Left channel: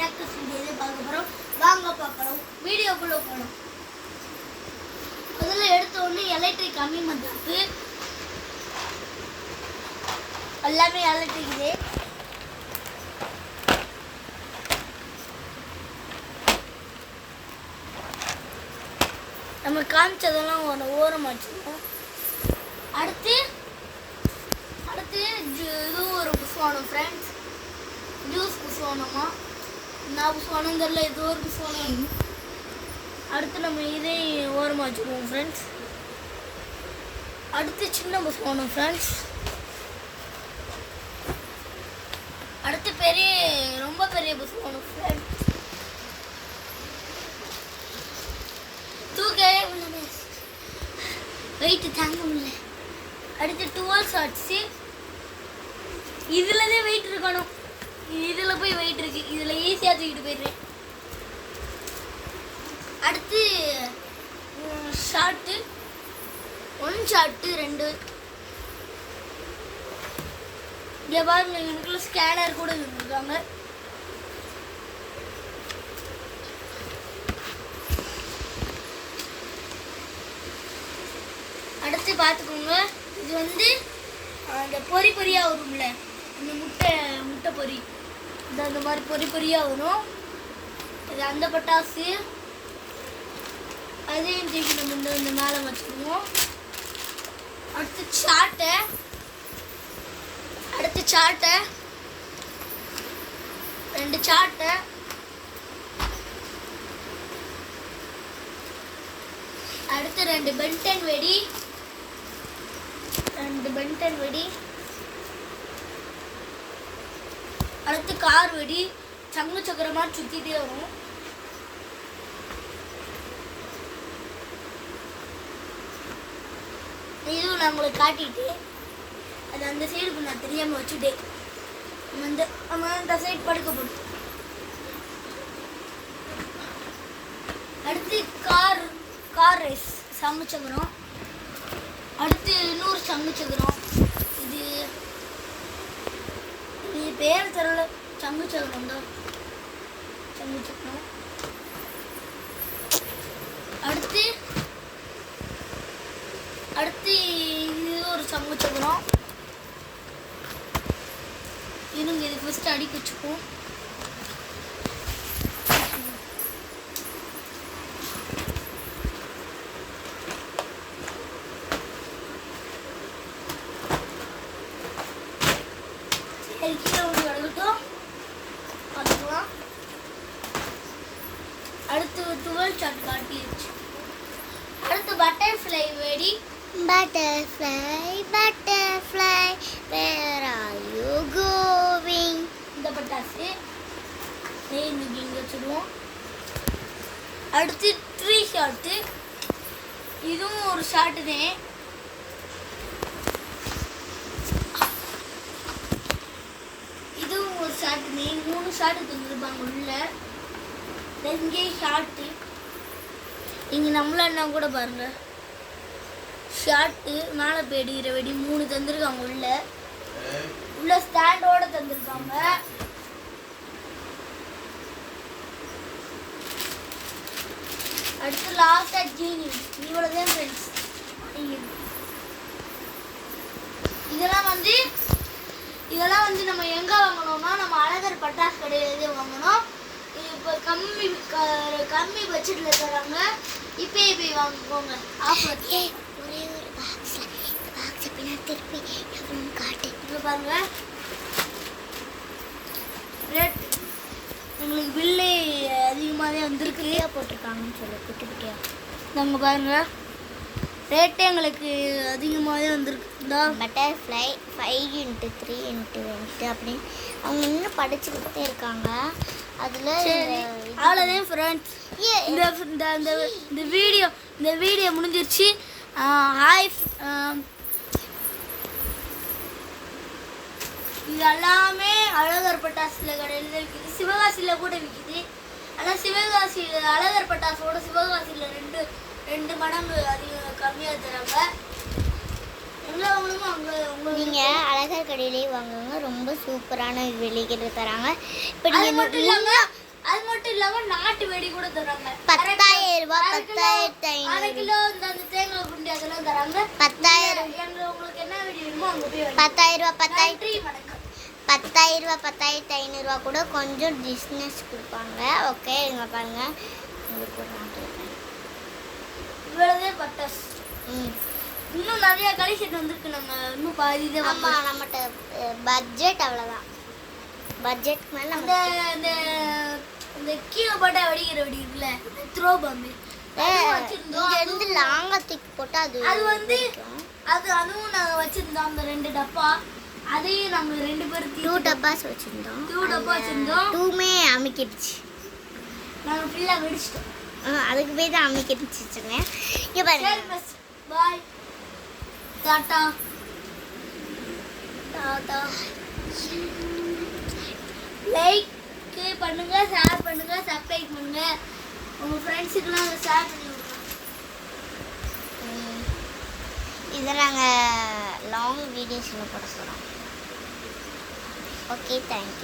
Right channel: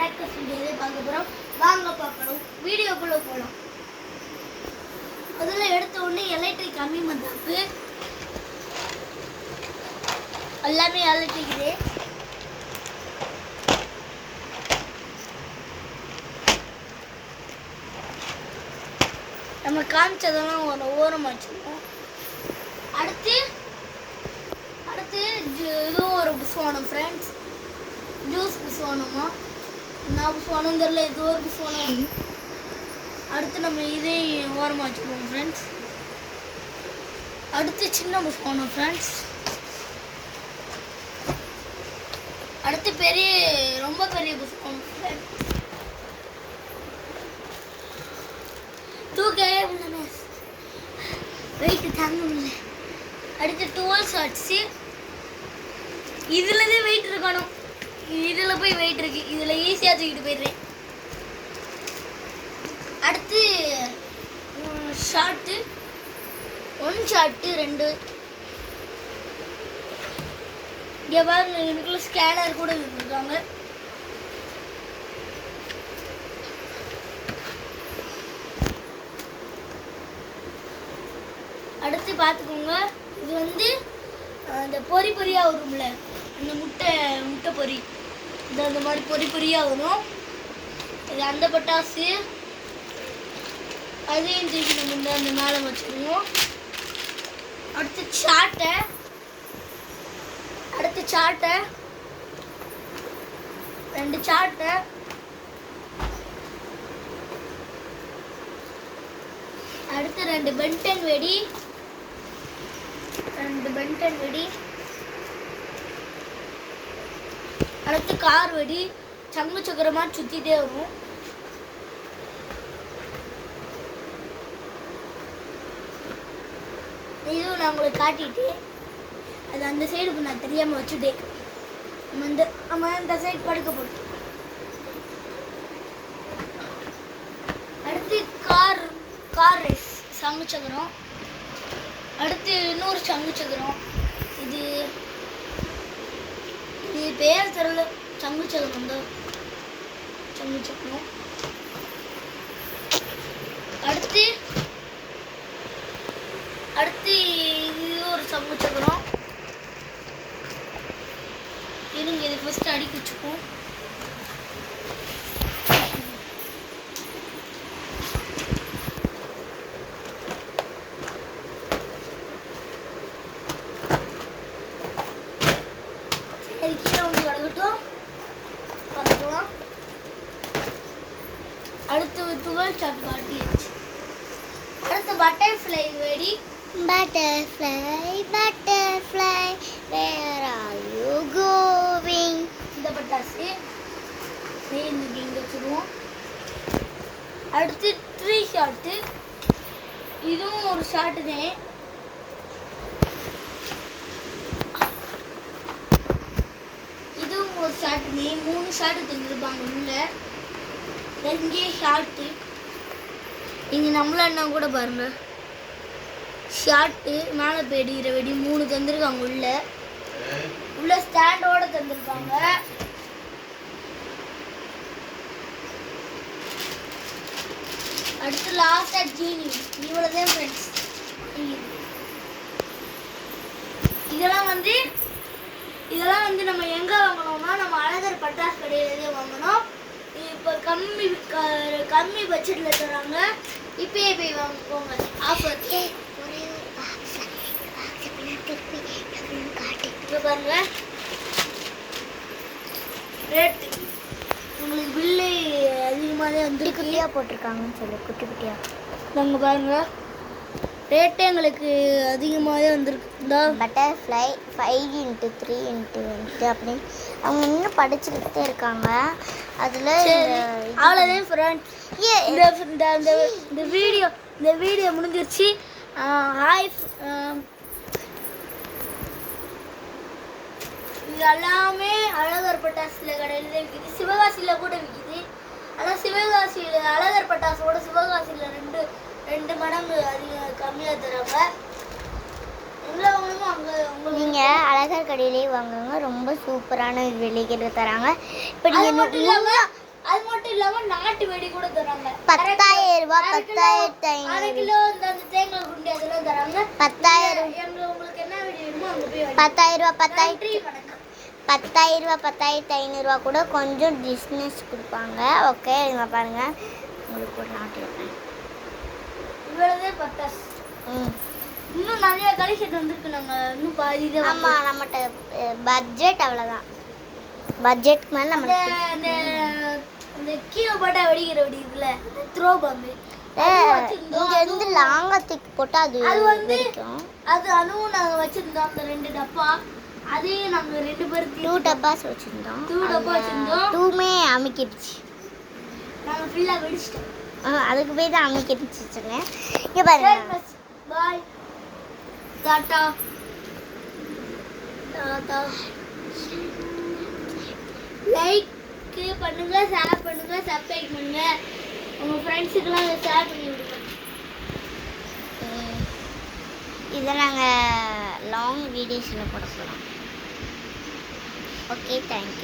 Crackers வீடியோவே பார்க்க போகிறோம். வாங்க பார்க்கலாம், வீடியோக்குள்ளே போகலாம். முதல்ல எடுத்த உடனே எலக்ட்ரிக் கம்மி மத்தாப்பு எல்லாமே எலக்ட்ரிக் இது. நம்ம காமிச்சதெல்லாம் ஒரு ஓரமாக வச்சுருக்கோம். அடுத்து இதுவும் ஒரு புஷ்வானம் ஃப்ரெண்ட்ஸ். ஜூஸ் புஷ்வானமா நான் புஷ்வானம் தெரியல, இது ஒரு புஷ்வானம். அடுத்து நம்ம இதே ஓரமாக வச்சுக்குவோம் ஃப்ரெண்ட்ஸ். அடுத்து சின்ன புஷ்வானம் ஃப்ரெண்ட்ஸ். அடுத்து ரொம்ப பெரிய புஷ்வானம் ஃப்ரெண்ட்ஸ். தூக்கவே முடியல, வெயிட்டு தாங்க முடியல. அடுத்து 12 ஷார்ட்ஸு. இதில் தான் வெயிட் இருக்கணும், இதில் போய் வெயிட் இருக்கு, இதில் ஈஸியாக தூக்கிட்டு போயிடுறேன். அடுத்து ஷார்ட்டு 1 ஷார்ட்டு 2. இங்கே பாருங்க, எனக்குள்ள ஸ்கேனர் கூட இருக்காங்க. அடுத்து பார்த்துக்கோங்க, இது வந்து அந்த பொரியாக வரும்ல, அந்த முட்டை பொரி, இது அந்த மாதிரி பொரியாக வரும். இது அந்த பட்டாசு, அதையும் தூக்கி நம்ம அந்த மேலே வச்சுக்குவோம். அடுத்து சாட்டை 2 சாட்டை. அடுத்து 2 பென்டன் வெடி. அடுத்து கார் வெடி, சங்கு சக்கரமா சுத்திட்டே வரும். இதுவும் நான் உங்களுக்கு காட்டிட்டு அது அந்த சைடுக்கு நான் தெரியாம வச்சுட்டேன். நம்ம இந்த சைடு படுக்க போடும். அடுத்து கார் ரேஸ் சங்கு சக்கரம். அடுத்து இன்னொரு சங்கு சக்கரம். இது பேர் தெரியல, சங்கு சக்கரம் தான், சங்கு சக்கரம். அடுத்து இது ஒரு சங்கு சக்கரம். இது ஃபர்ஸ்ட் அடி குச்சிக்கும். அடுத்து 12 ஷாட் காட்டிடுச்சு. அடுத்து பட்டர்ஃப்ளை வெடி. Butterfly, where are you going? இந்த பட்டாசு இங்கே வச்சுருவோம். அடுத்து 3 ஷாட்டு. இதுவும் ஒரு ஷாட்டு தான். இதுவும் ஒரு ஷாட்டு தான். 3 ஷாட்டு தந்துருப்பாங்க உள்ள. இங்கே ஷார்ட்டு, இங்கே நம்மள என்ன கூட பாருங்க, ஷார்ட்டு மேலே போயிடுகிற வெடி 3 தந்துருக்காங்க. உள்ள ஸ்டாண்டோட தந்துருக்காங்க. அடுத்து லாஸ்டா ஜீனி. இவ்வளோதான் ஃப்ரெண்ட்ஸ். இதெல்லாம் வந்து நம்ம எங்கே வாங்கணும்னா நம்ம அழகர் பட்டாசு கடையிலேயே வாங்கணும். இப்போ கம்மி பட்ஜெட்டில் தராங்க, இப்பயே போய் வாங்கிக்கோங்க. ஆஃபர் ஒரே ஒரு பாக்ஸ் திருப்பி காட்டு. இப்போ பாருங்க, ரேட் பில்லு அதிகமாகவே வந்து குட்டியாக போட்டிருக்காங்கன்னு சொல்லி குட்டியாக நாங்க பாருங்க, ரேட்டே எங்களுக்கு அதிகமாகவே வந்துருக்குதா. பட்டர்ஃப்ளை 5x3x20 அப்படின்னு அவங்க இன்னும் படிச்சுக்கிட்டே இருக்காங்க. அதில் அவ்வளோதான் ஃப்ரெண்ட்ஸ். இந்த வீடியோ முடிஞ்சிருச்சு. இது எல்லாமே அழகர் பட்டாசுல கடையில் தான் விற்கிது, சிவகாசியில் கூட விற்கிது. ஆனால் சிவகாசி அழகர் பட்டாசோட சிவகாசியில் ரெண்டு மடங்கு கம்மியாக தராங்க. நீங்கள் அழகர் கடையிலே வாங்குங்க, ரொம்ப சூப்பரான விலைகள் தராங்க. இப்போ நீங்கள் அது மட்டும் இல்லாம நாட்டு வெடி கூட தராங்க. 10,000 ரூபாய், 10,500. அரை கிலோ அந்த தேங்காய் குண்டி அதெல்லாம் தராங்க. 10,000. உங்களுக்கு என்ன வெடி வேணுமோ அங்க போய் 10,000 ரூபாய், நன்றி, வணக்கம். 10,000 ரூபாய், 10,500 ரூபாய் கூட கொஞ்சம் டிஸ்னஸ் கொடுப்பாங்க. ஓகே, இங்க பாருங்க, உங்களுக்கு ஒரு நாட்டு இவ்வளவே பத்தாஸ். இன்னும் நிறைய கலெக்ஷன் வந்திருக்கு. நாங்க இன்னும் பாதி தான். ஆமா, நம்மகிட்ட பட்ஜெட் அவ்வளோதான். பட்ஜெட் மேலே அந்த அந்த அந்த கீழே போட்டா வெடிக்கிற வெடி இருக்குல்ல, த்ரோ பம்பு, இங்க இருந்து லாங்கா தூக்கி போட்டு அது வந்து அதுவும் நாங்க வச்சிருந்தோம். அந்த 2 டப்பா அதையும் நாங்க 2 பேர் 2 டப்பாஸ் வச்சிருந்தோம். 2 டப்பா வச்சிருந்தோம். 2மே அமுக்கிடுச்சு. நாங்க ஃபுல்லா வெடிச்சிட்டோம். அதுக்கு போய் தான் அமுக்கிடுச்சு சொன்னேன். இங்க பாருங்க. பாய், டாடா டாடா. லைக் பண்ணுங்க, ஷேர் பண்ணுங்க, சப்ஸ்கிரைப் பண்ணுங்க. உங்க ஃப்ரெண்ட்ஸுக்கெல்லாம் ஷேர் பண்ணி விடுங்க. இதை நாங்கள் லாங் வீடியோஸில் போட போகிறோம். Okay, thank you.